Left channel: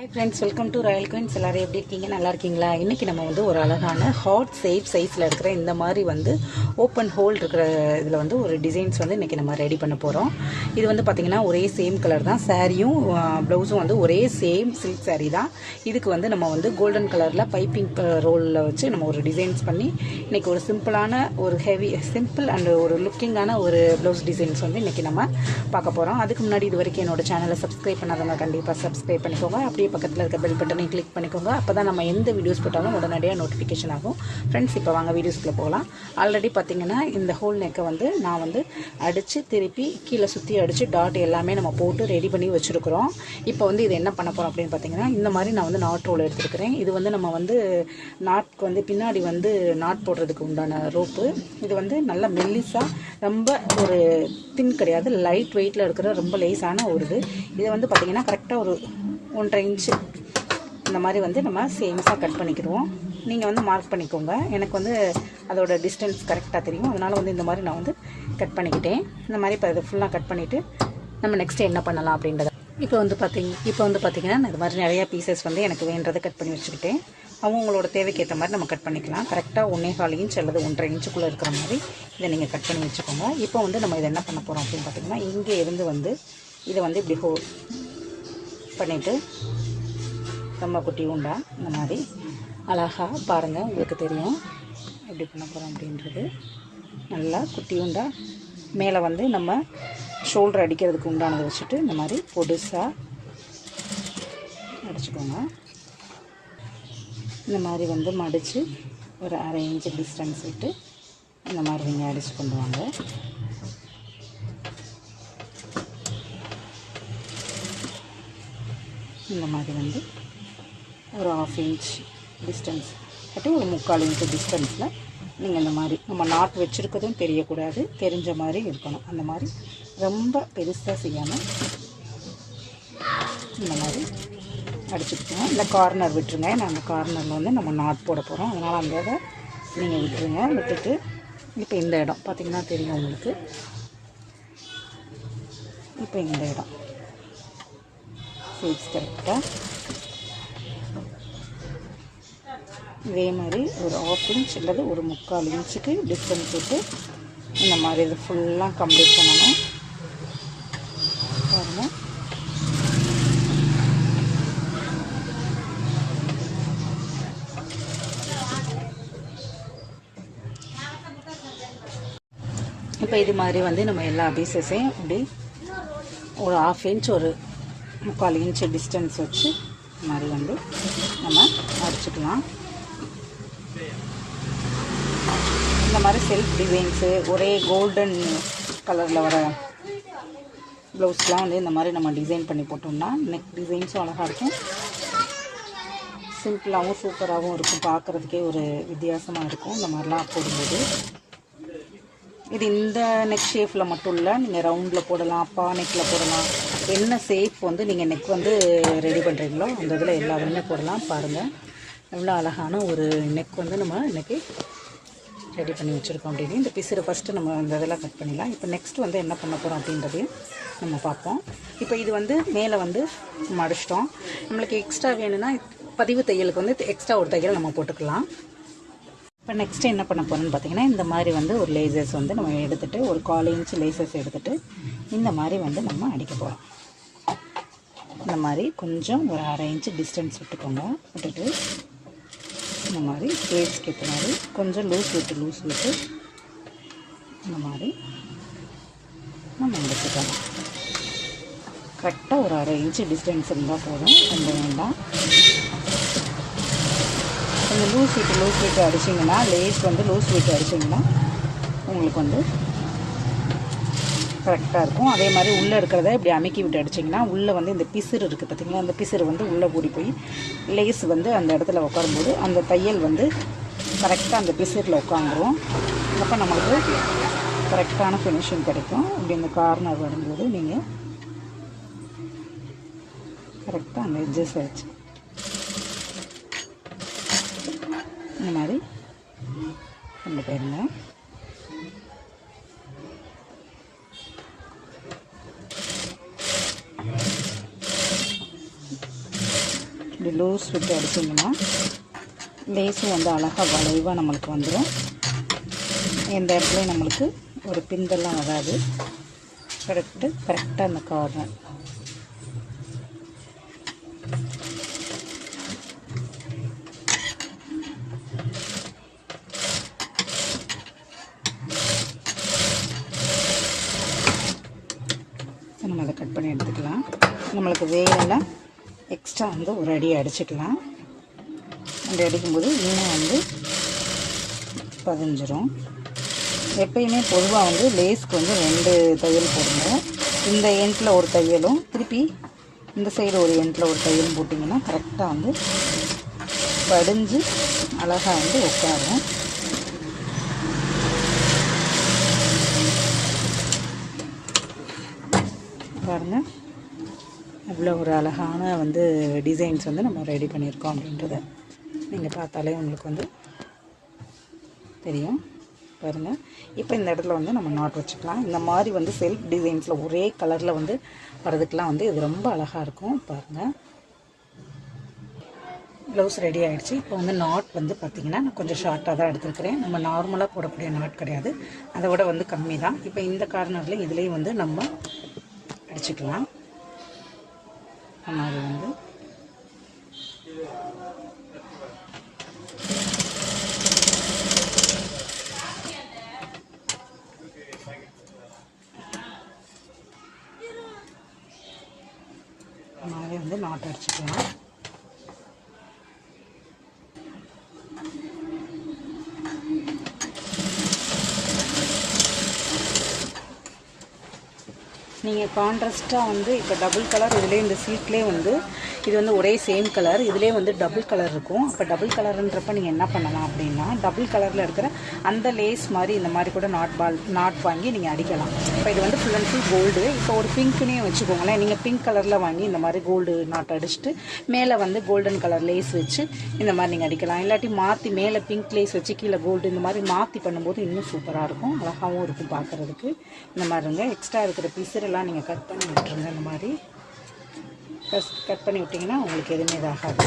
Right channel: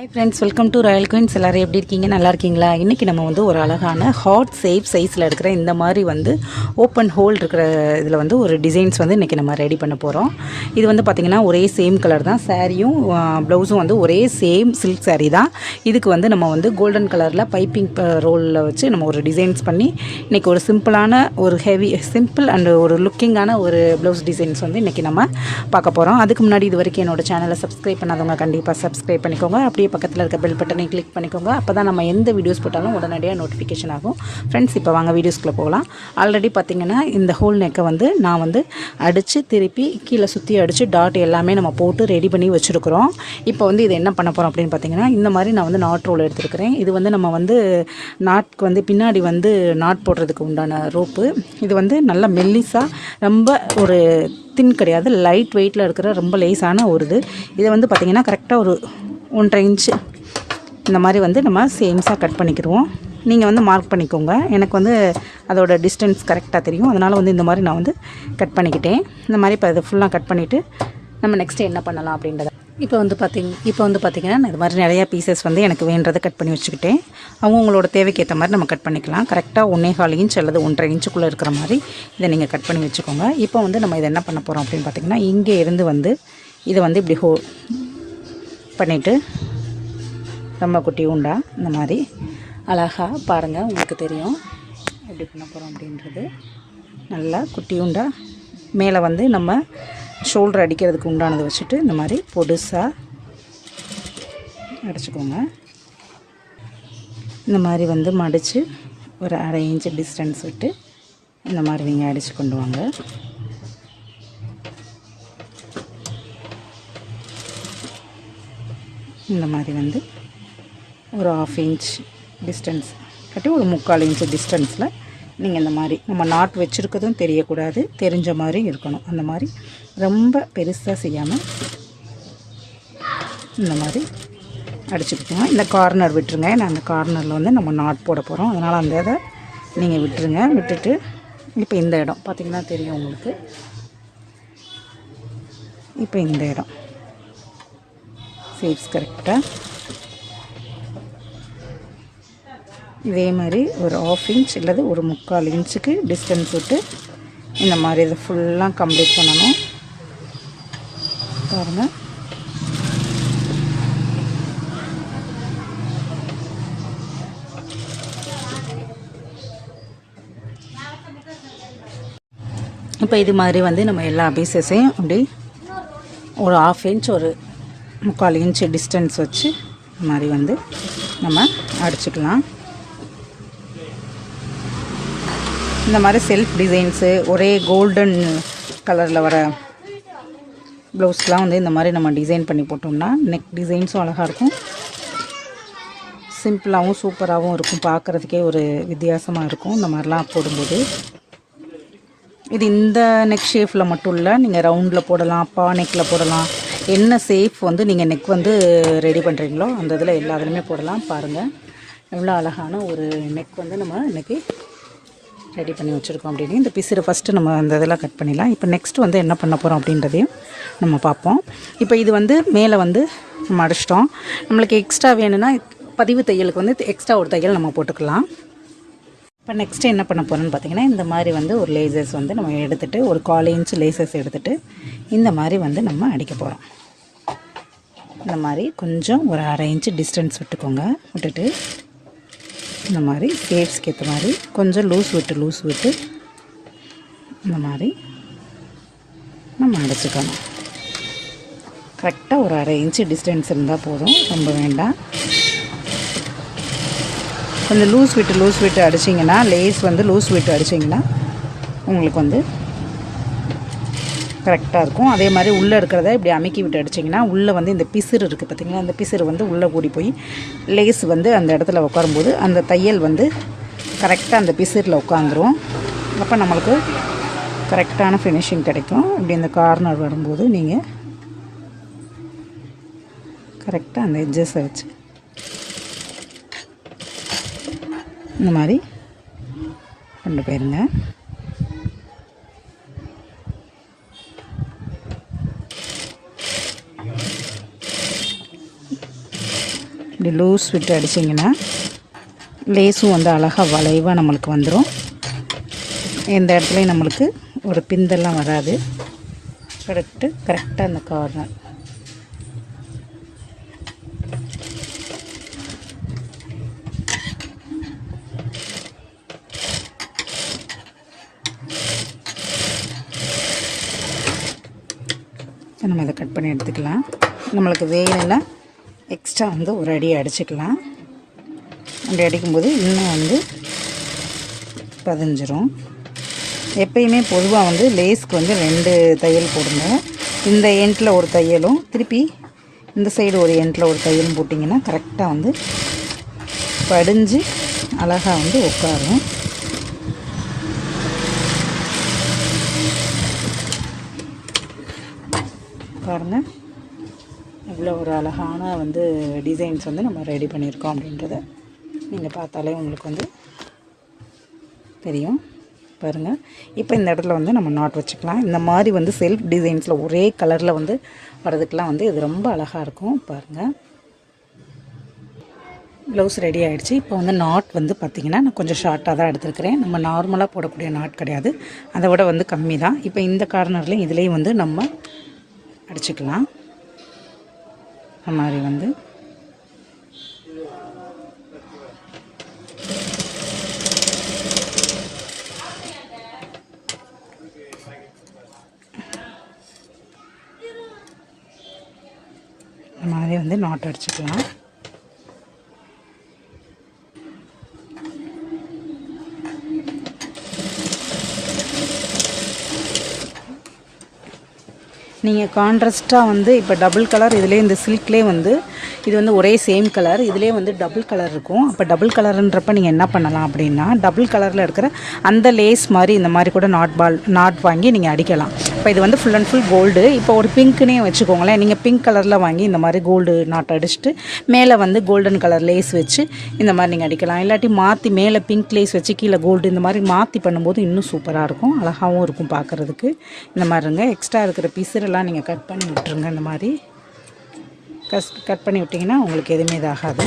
Hi friends welcome to royal queens எல்லோரும் எப்படி இருக்கீங்க? நல்லா இருக்கீங்களா? இன்றைக்கி நம்ம வந்து ஒரு அழகான ஹாட் சேஃப் சைஸில் இருக்கிற இந்த மாதிரி வந்து ஓப்பன் ஹோல் இருக்கிற இதில் வந்து ஒரு டிசைன்ஸ் வந்து இன்றைக்கி நம்ம ரெடி பண்ண போகிறோம் இது வந்து பார்த்திங்கன்னா ஒரே சேம் கலர் தான். சாரியும் ப்ளவுஸும் வந்து ஒரே சேம் சில்க் saree தான். இதுக்கு வந்து நம்ம வந்து கோல்டன் கலரில் பைப்பிங் ரோலில் வச்சு நம்ம ஒரு டிசைன்ஸ் பண்ணி இன்றைக்கி ஒரு சிம்பிளான ஒரு ஹெவி சிம்பிள் அண்ட் ஒரு லுக்கிங்கான ஒரு ப்ளவுஸ் டிசைன்ஸ் வந்து இன்றைக்கி நம்ம பார்க்க போகிறோம் அதுக்கு முன்னாடி இது வரைக்கும் என்னோட சேனலை சப்ஸ்கிரைப் பண்ணாதவங்க கண்டிப்பாக சப்ஸ்கிரைப் பண்ணிக்கோங்க. அப்படியே பக்கத்தில் இருக்க பெல் பட்டனை கிளிக் பண்ணிக்கோங்க. அப்போ தான் நம்ம எந்த வீடியோஸ் போட்டாலும் உடனடியாக நோட்டிஃபிகேஷன் ஆகும். ஃப்ரெண்ட்ஸ் இப்போ வாங்க வீடியோஸ்க்குள்ளே போகலாம். ஆல்ரெடி பார்த்தீங்கன்னா இந்த ஹோல் நெக்கை வந்து நான் வந்து அடித்து திருப்பி கீழே சுற்றி அடித்து டாட் எல்லாமே நம்ம போட்டு ரெடி பண்ணி வச்சுருக்குறோம். இப்போ வந்து இது என்ன பண்ண போகிறோம் அப்படின்னு பார்த்தீங்கன்னா இந்த மாதிரி நான் வந்து நாட் ரோல் எடுத்துருக்கிறேன். இது வந்து நம்ம வந்து நாட்க்கு வந்து பின்னாடி வந்து நாட் போடுறதுக்கு உண்டான ரோப்பு இது வந்து நல்லா மெல்லிஸாக ரொம்ப ஒரு தின் கிடையாது லைட் வெயிட்டில் இருக்கிற ரொம்ப லேஸான ஒரு இது. இதை வந்து பார்த்திங்கன்னா கரெக்டாக ஒரு ஒன்றரை இன்ச்சு இந்த மாதிரி வந்து நம்ம சேம்ஸாக கட் பண்ணிக்கிடுவோம். நீங்கள் வந்து மார்க் பண்ணிக்கோங்க. எனக்கு வந்து அதோட டிஸ்டன்ஸ் கரெக்டாக தெரியும். அதனால் வந்து இந்த மாதிரி நான் வந்து கட் பண்ணிக்கிட்டேன். இந்த மாதிரி இப்போ இதை ஃபுல்லாக கட் பண்ணிவிட்டு நம்ம நெக்ஸ்ட்டு என்ன பண்ணலாம் அப்படின்றத. இப்போ வந்து பார்த்திங்க இப்போ வந்து பார்த்திங்கன்னா நான் இது மாதிரி நிறையா பீசஸ் வந்து எனக்கு வேண்டதை கட் பண்ணி வச்சுக்கிட்டேன். அவங்கவுங்களோட தேவைக்கு ஏற்ற மாதிரி நம்ம கட் பண்ணிக்கலாம். கரெக்டாக ஒன்றே கால் இன்ச் அல்லது ஒன்றரை இன்ச்சுக்குள்ளே இருக்கிற மாதிரி இதை நீங்கள் கட் பண்ணி வச்சுக்கோங்க. இப்போ வந்து நம்ம இதை என்ன பண்ண போகிறோம் அப்படின்னு பார்த்திங்கன்னா இங்கே இருந்து வந்து இதை வந்து இப்படி ஹோ பண்ணிவிட்டு ரொம்ப குட்டி உண்டா? இந்த மாதிரி. அழகாக பாருங்கள் உங்களுக்கு தெரியும். எப்படி பண்ண போகிறோம் அப்படின்றது நல்லா குட்டி உண்டா? மேலே வந்து நம்ம ஷோல்டர் அடிக்கிறதுக்கு உண்டானதை வச்சுட்டு இந்த மாதிரி பொடுசாக அடிச்சுக்கோங்க. இந்த மாதிரி வந்து மடித்து ஒரு அரை இன்ச்சு டிஸ்டன்ஸ் விட்டு இந்த மாதிரி நீங்கள் அடித்து கொண்டு வாங்க. இந்த மாதிரி வந்து ஒரு ஆஃப் இன்ச் டிஸ்டன்ஸ் கட்டி ஒரு முக்கால் இன்ச்சு டிஸ்டன்ஸில் நீங்கள் இந்த மாதிரி நம்ம நாட் வச்சுருக்கதும் தெரியக்கூடாது தெரிஞ்ச மாதிரி இருக்கணும். அந்த மாதிரி ரொம்ப பெருசாக செய்யாமல் இந்த மாதிரி அடிச்சுக்கிட்டோங்க. இந்த கார்னர் விட்டுருங்க. ஏன்னா அந்த கார்னரில் வந்து நம்ம நாட் போட போகிறோம் அதனால் அந்த இதை நீங்கள் விட்டுருங்க. விட்டுட்டு இப்போ இந்த இடம். பார்த்திங்கன்னா தெரியும் உங்களுக்கு. இப்போ இந்த இடம். சைட்ஸ் கரெக்டாக இதே மாதிரி ஒரு ஆஃப் இன்ச் அல்லது ஒரு முக்கால் இன்ச்சுக்கு டிஸ்டன்ஸ் விட்டு இந்த மாதிரி இதை ஃபுல்லாக கம்ப்ளீட் பண்ணணும். பாருங்கள் இப்போ இது மாதிரி வந்து நம்ம எல்லா பீசஸையும் அப்படி ஒரு ஆஃப் இன்ச் ஒரு முக்கால் இன்ச்சு டிஸ்டன்ஸ் வச்சு இந்த மாதிரி வந்து நம்ம அடிச்சுக்கலாம். இந்த மாதிரி செல்ஃப் டிசைன்ஸு ஒரே கோல்டன் கலரில் வர ப்ளவுஸ்லாம் வந்து இந்த மாதிரி நம்ம டிசைன் பண்ணி போட்டோம்னா நெக் டிசைன்ஸும் அழகாக இருக்கும். சிம்பிளாகவும் சூப்பராகவும் இருக்கும். பார்க்குறதுக்கே ஒரு வித்தியாசமாக இருக்கும். இந்த மாதிரிலாம் போடும்போது. இது இந்த நெக் ஷேஃபில் மட்டும் இல்லை நீங்கள் ரவுண்டில் போடலாம் பா நெக்கில் போடலாம். என்ன சேஃப் வந்து நீங்கள் நெக் வந்து ரெடி பண்ணுறீங்களோ அந்த இதில் எல்லா இதுலையுமே போடலாம். பாருங்கள் எவ்வளோ அழகான ஒரு நெக் வந்து நம்ம இன்றைக்கி ரெடி பண்ணி வச்சுருக்கோம் அப்படின்னு. இந்த பிசிறு ஃபஸ்ட்டு நம்ம அந்த இதெல்லாம் கட் பண்ணிடலாம். இப்போ நெக்ஸ்ட் வந்து என்ன பண்ண போகிறோம் அப்படின்றதையும் நம்ம பார்ப்போம். இப்போ இது வந்து மேலே வந்து நம்ம அடிச்சிட்டோம். நம்மளுக்கு எக்ஸ்ட்ரா வேணும்னா பதிவு தையலுக்கு வந்து எக்ஸ்ட்ரா ஒரு தையல் நம்ம போட்டுக்கலாம். இப்போ நெக்ஸ்ட்டு என்ன பண்ண போகிறோம்னு பார்த்தீங்கன்னா இந்த மாதிரி வந்து ஒரு லேசர்ஸ் வந்து நம்ம எடுத்துகிட்டு ஒரு கால் இன்ச் லேசர்ஸ் எடுத்துகிட்டு இந்த மாதிரி வந்து நம்ம அடிக்க போகிறோம் இந்த மாதிரி கொஞ்சம் ஒரு அரை இன்ச்சு டிஸ்டன்ஸ் விட்டுக்கோங்க. விட்டுட்டு இந்த மாதிரி ஷேப்ஸ்க்கு ஏற்ற மாதிரி கொஞ்சம் லூஸ் விட்டு லூஸ் விட்டு இந்த மாதிரி நம்ம அடைச்சிக்கணும் கரெக்டாக ஒரு அரை இன்ச்சு டிஸ்டன்ஸ் இருந்தால் போதும் ரொம்ப வேண்டாம். கொஞ்சம் லூஸ் விட்டு லூஸ் விட்டு அடிச்சிங்கன்னா லேஸ் வந்து லூஸ் விட்டு அடிச்சிங்கன்னா உங்களுக்கு வந்து கரெக்டாக இருக்கும். அதே மாதிரி உள்ளே இருக்கிறத இப்படி அமுக்கி விட்டு அடிச்சிங்கன்னா உள்ளே வந்து இந்த பிசிறு இருக்குது பார்த்திங்களா அந்த பிசிறு வந்து உள்ளே கூடி போய் லேஸ் வந்து அந்த இடத்துல உட்காரும்போது அந்த தையல் வந்து கரெக்டாக அந்த பிசிறில் உட்காந்துரும். அப்போ நம்மளுக்கு கரெக்டான ஃபினிஷிங் கிடைக்கும். இப்படி இந்த கார்னர் வரும்போது நீங்கள் கரெக்டாக அந்த எட்ஜஸை வச்சு இந்த மாதிரி கொண்டு போயிருங்க. இப்படி லூஸ் விட்டு அடிச்சிங்கன்னா லேஸும் வந்து அழகாக வளைவாக நம்மளுக்கு வந்துடும் எந்த இடத்துலையும் நம்மளுக்கு ஒரு பிந்தெல்லாம் வராது. கரெக்டு கரெக்டாக அந்த கார்னர் இப்போ நம்ம அதை கட் பண்ணி எடுத்துக்கலாம். நம்மளுக்கு வேணும்னா எக்ஸ்ட்ரா வந்து ஒரு அடி அடிச்சுக்கலாம். அப்படி அடிக்கும்போது இன்னும் வந்து பதிஞ்சிரும். எப்பயுமே பொதுவாக வந்து லேஸ்க்கு வந்து ரெண்டு தையல் போடுங்க இந்த எண்டில் ஒரு தையலும் திருப்பி இந்த சைடு ஒரு எண்டில் ஒரு தையலும் போட்டிங்கன்னா கரெக்டாக வந்து படிஞ்சு அழகாக வந்து உட்காரும். பாருங்கள் இவ்வளோ ஒரு அழகான வந்து டிசைன்ஸ் வந்து நம்ம ரெடி பண்ணியிருக்கோம் அப்படின்றத நீங்கள் பார்த்தாலே உங்களுக்கு வந்து தெரியும். பாருங்கள் இப்போ இந்த இடத்துல வந்து நம்ம நாட் வச்சுக்கலாம். இந்த மாதிரி வந்து செல்ஃப் டிசைன்ஸில் ஒரே கலரில் வந்து வரதுக்கெலாம் வந்து இது ரொம்ப அழகாக இருக்கும். பாருங்கள் ப்ளவுஸ் ரெடி ஆகிடுச்சு இப்போ வந்து நாட் வந்து பார்த்திங்கன்னா நான் கொஞ்சம் ஷார்ட்டாக தான் எடுத்துருக்கிறேன். நம்ம நார்மலாக போடக்கூடிய நாட் கிடையாது. அதை விட வந்து கம்மி தான். இப்போ இந்த கார்னர்லேயும் இதுலேயும் வந்து நம்ம அடிச்சுக்கலாம். மாதிரி வந்து. இந்த மாதிரி வந்து நாட்டு அடிச்சுக்கலாம் நீங்கள் கான்ட்ராஸ்ட்டாக வந்து இப்போ டபுள் கலர் இதுலேயே இந்த சில்க்லேயே வந்து இது வந்து ஒரே சேம் கலர் இதுலேயே வந்து டபுள் கலர் இருக்கும். அப்போ டபுள் கலருன்றப்ப நீங்கள் என்ன பண்ணலாம் அப்படின்னா டபுள் கலரில் இருக்கிற அந்த லேஸ் மாதிரி இந்த மாதிரி கூட நாட் பால் நாட் வாங்கி நீங்கள் அடிக்கலாம். இப்போ இது வந்து ஃபுல் அண்ட் ஃபுல் கோல்டு இப்போ ஒரு பிங்க்குனே வச்சுக்கோங்களேன். நீங்கள் பிங்க் கலரில் வாங்கி இந்த மாதிரி கோல்டு நாட் அடிச்சுட்டு மேலே வந்து கோல்டன் கலர் லேஸ் வச்சு இந்த மாதிரி நீங்கள் அடிக்கலாம். இல்லாட்டி மாற்றி மேலே பிங்க் லேஸ் வச்சு கீழே கோல்டு இந்த மாதிரி மாற்றி பண்ணும்போது இன்னும் சூப்பராக இருக்கும். அழகாகவும் இருக்கும் பார்க்குறதுக்கு இந்த மாதிரி இருங்க எக்ஸ்ட்ரா இருக்கிற பீஸரெல்லாம் நீங்கள் கட் பண்ணி விட்டுருங்க. இந்த மாதிரி கஸ் கட் பண்ணி விட்டிங்கன்னா உங்களுக்கு எதுவுமே இதாகாது.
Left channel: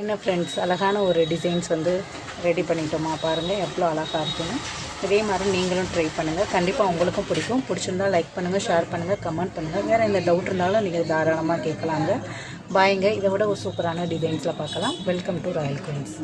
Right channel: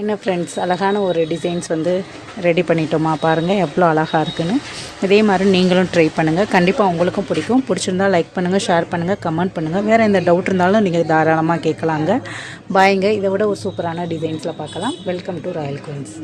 என்ன ஃப்ரெண்ட்ஸ் அழகான ஒரு டிசைன்ஸ் வந்து ரெடி பண்ணிட்டோமா பாருங்கள் எவ்வளோ அழகாக இருக்குன்னு. இதே மாதிரி நீங்களும் ட்ரை பண்ணுங்கள் கண்டிப்பாக உங்களுக்கும் பிடிக்கும். பிடிச்சிருந்தா லைக் பண்ணுங்கள் ஷேர் பண்ணுங்கள் கமெண்ட் பண்ணுங்கள் வேறு எந்த டவுட் இருந்தாலும் நீங்கள் தாராளமாக கேட்கலாங்க. பாய்ங்க இதை விட ஒரு சூப்பரான டிசைன்ஸில் பார்க்கலாம். Welcome to royal queens